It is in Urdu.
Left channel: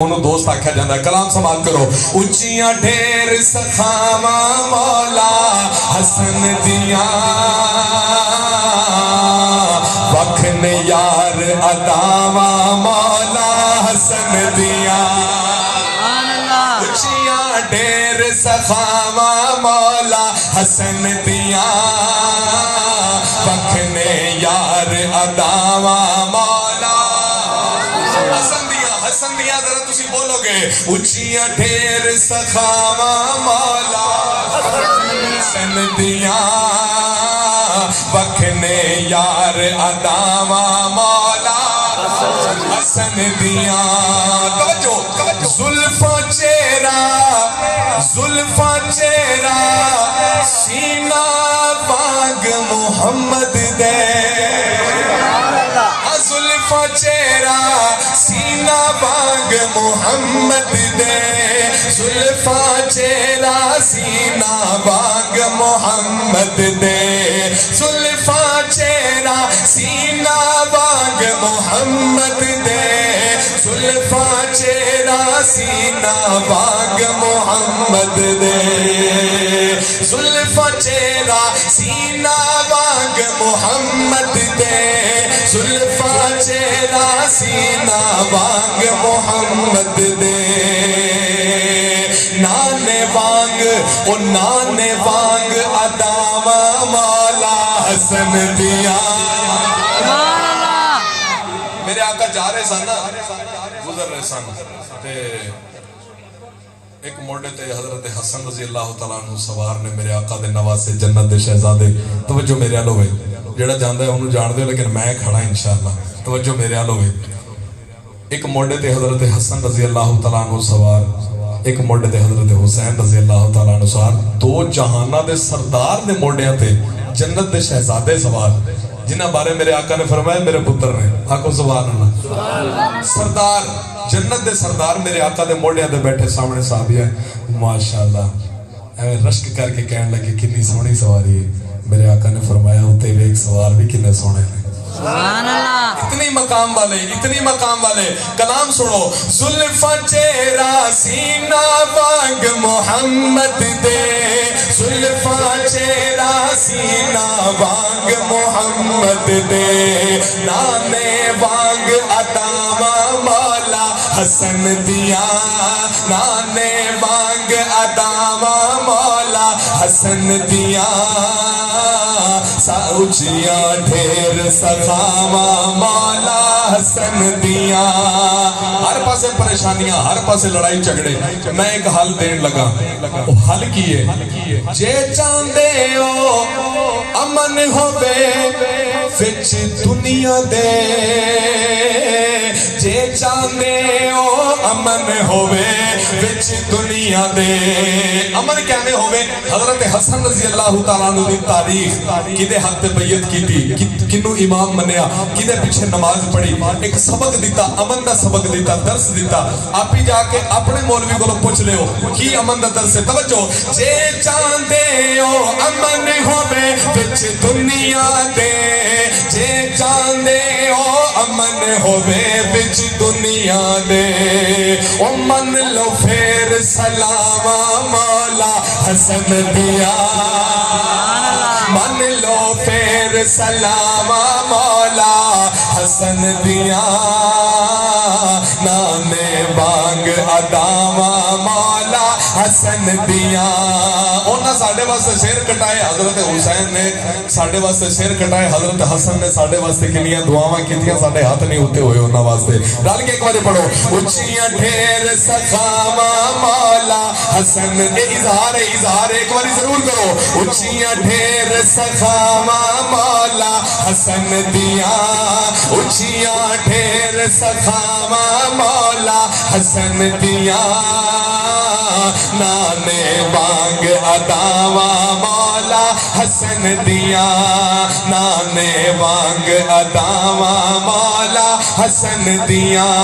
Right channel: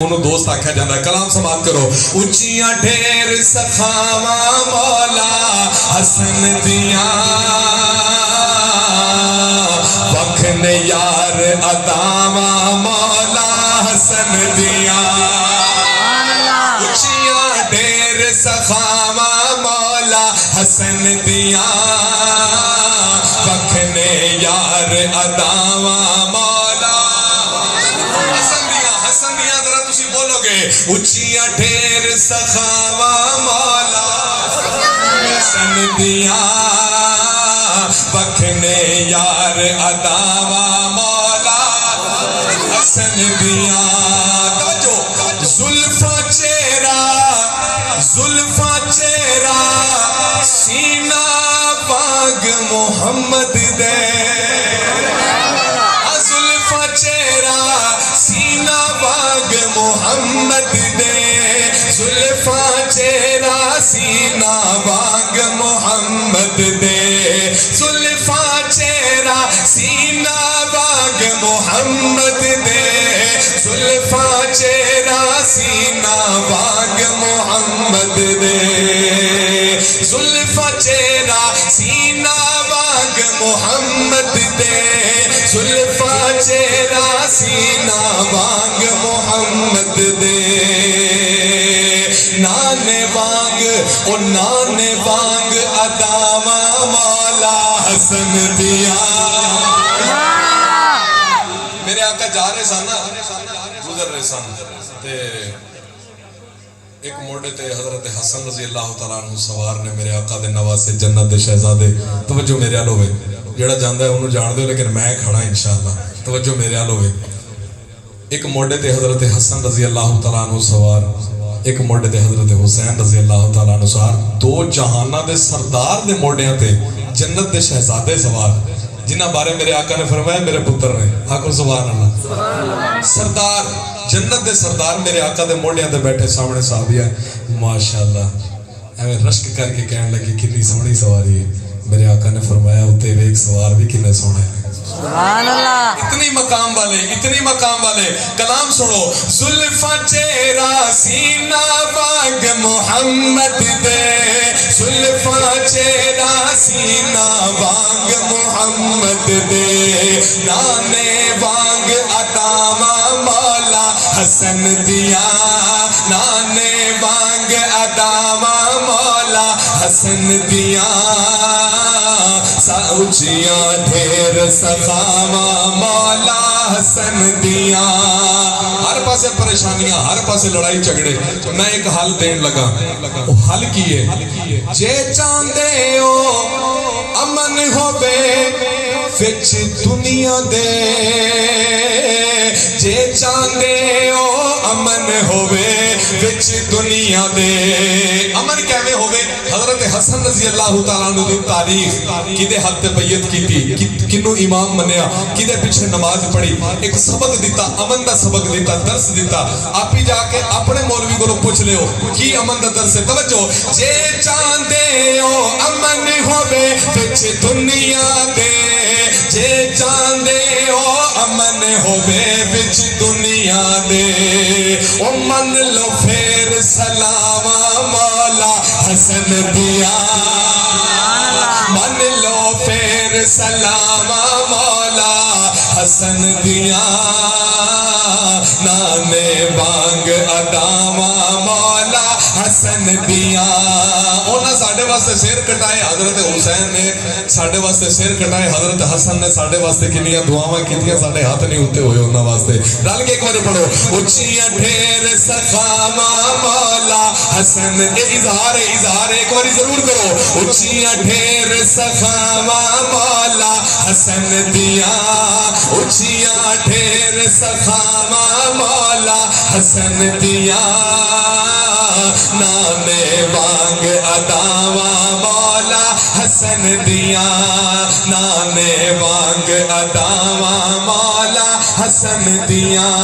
انہوں دوست آکھا جانا ہے کلام سماعت کرو اچیاں ڈھیر سخاواں مولا حسن دیاں وکھن یار اداواں مولا حسن دیاں اچیاں ڈھیر سخاواں مولا حسن دیاں وکھن یار اداواں مولا حسن دیاں ذرا تسی بولو گے اچیاں ڈھیر سخاواں مولا حسن دیاں وکھنے یار اداواں مولا حسن دیاں توجہ زلفاں چہرہ سینہ باغ محمد دے زلفاں چہرہ سینہ باغ محمد دے زلفاں چہرہ سینہ باغ محمد دے زلفاں چہرہ سینہ باغ محمد دے زلفاں چہرہ سینہ باغ محمد دے زلفاں چہرہ سینہ باغ محمد دے زلفاں چہرہ سینہ باغ محمد دے نانے وانگ اداواں مولا حسن دیاں میرے آقا جا رہے سن گزر رہے سن تے ایک موڑے تے حضرت حسن رضی اللہ تعالیٰ عنہ سوار نے میرے آقا دے نواسے جنت دے شہزادے توجہ میرے آل ہوئے جڑا جاندہ ہے انہوں جان دے لیکن میں کھڑا انشاءاللہ توجہ میرے آل ہوئے ایک موڑے تے حضرت حسن رضی اللہ تعالیٰ عنہ سوار ایک موڑے تے حضرت حسین رضی اللہ تعالیٰ عنہ سوار دو جہانہ دے سردار دے موڑیاں تے جنت دے شہزادے سوار جنہ بارے میرے آقا نے فرمایا میرے پتر نے آقا سبحان اللہ سردار جنت دے سردار میرے آقا دے موڑیاں دے بیٹھے سامنے صحابیہ ماشاءاللہ ایویں رشک کر کے کہنے لگی کتنی سونی سواری ہے میرے آقا نے فرمایا اتے ایک سوار بھی کتنے سونے سبحان اللہ اتنی مقام والے کلام سنو زلفاں چہرہ سینہ باغ محمد دے زلفاں چہرہ سینہ باغ محمد دے نانے وانگ اداواں مولا حسن دیاں نانے وانگ اداواں مولا حسن دیاں اچیاں ڈھیر سخاواں مولا حسن دیاں ہر پاسے پریشانیاں ہر پاسے لڑائی جھگڑے میں ایک حل دین لگا وہ حل کیے جے چاندے ہو امن ہوے وچ دنیا دے جے چاندے ہو امن ہوے وچ دنیا دے امن کیویں ہوے حضرت حسن رضی اللہ تعالیٰ عنہ دی تاریخ کدے حق تے بیعت کیتی کنوں امام منیا کدے پیچھے نماز پڑھی ایک سبق دیتا امن دا سبق دیتا درس دیتا آپ ہی جا کے اپنے مولوی کو پوچھ لے ہو کی امن دا درس ہے توجہ جے چاندے ہو امن ہوے وچ دنیا دے جے چاندے ہو امن ہوے وچ دنیا دے او من لو پھر سلاواں مولا حسن دیاں من لو پھر سلاواں مولا حسن دیاں نانے وانگ اداواں مولا حسن دیاں انہاں ساڈے واسطے سر کٹائے حضرت حسین نے ساڈے واسطے سر کٹائے حضرت حسن نے ساڈے واسطے کنیاں دعاواں کیتیاں ساڈے ہاتھ نہیں ہوتے ہوئے انہاں واسطے رل کے ایک بار پڑھو اچیاں ڈھیر سخاواں مولا حسن اظہار ایک بار ضرور کرو اچیاں ڈھیر سخاواں مولا حسن دیاں اچیاں ڈھیر سخاواں مولا حسن دیاں نانے وانگ اداواں مولا حسن دیاں نانے وانگ اداواں مولا حسن دیاں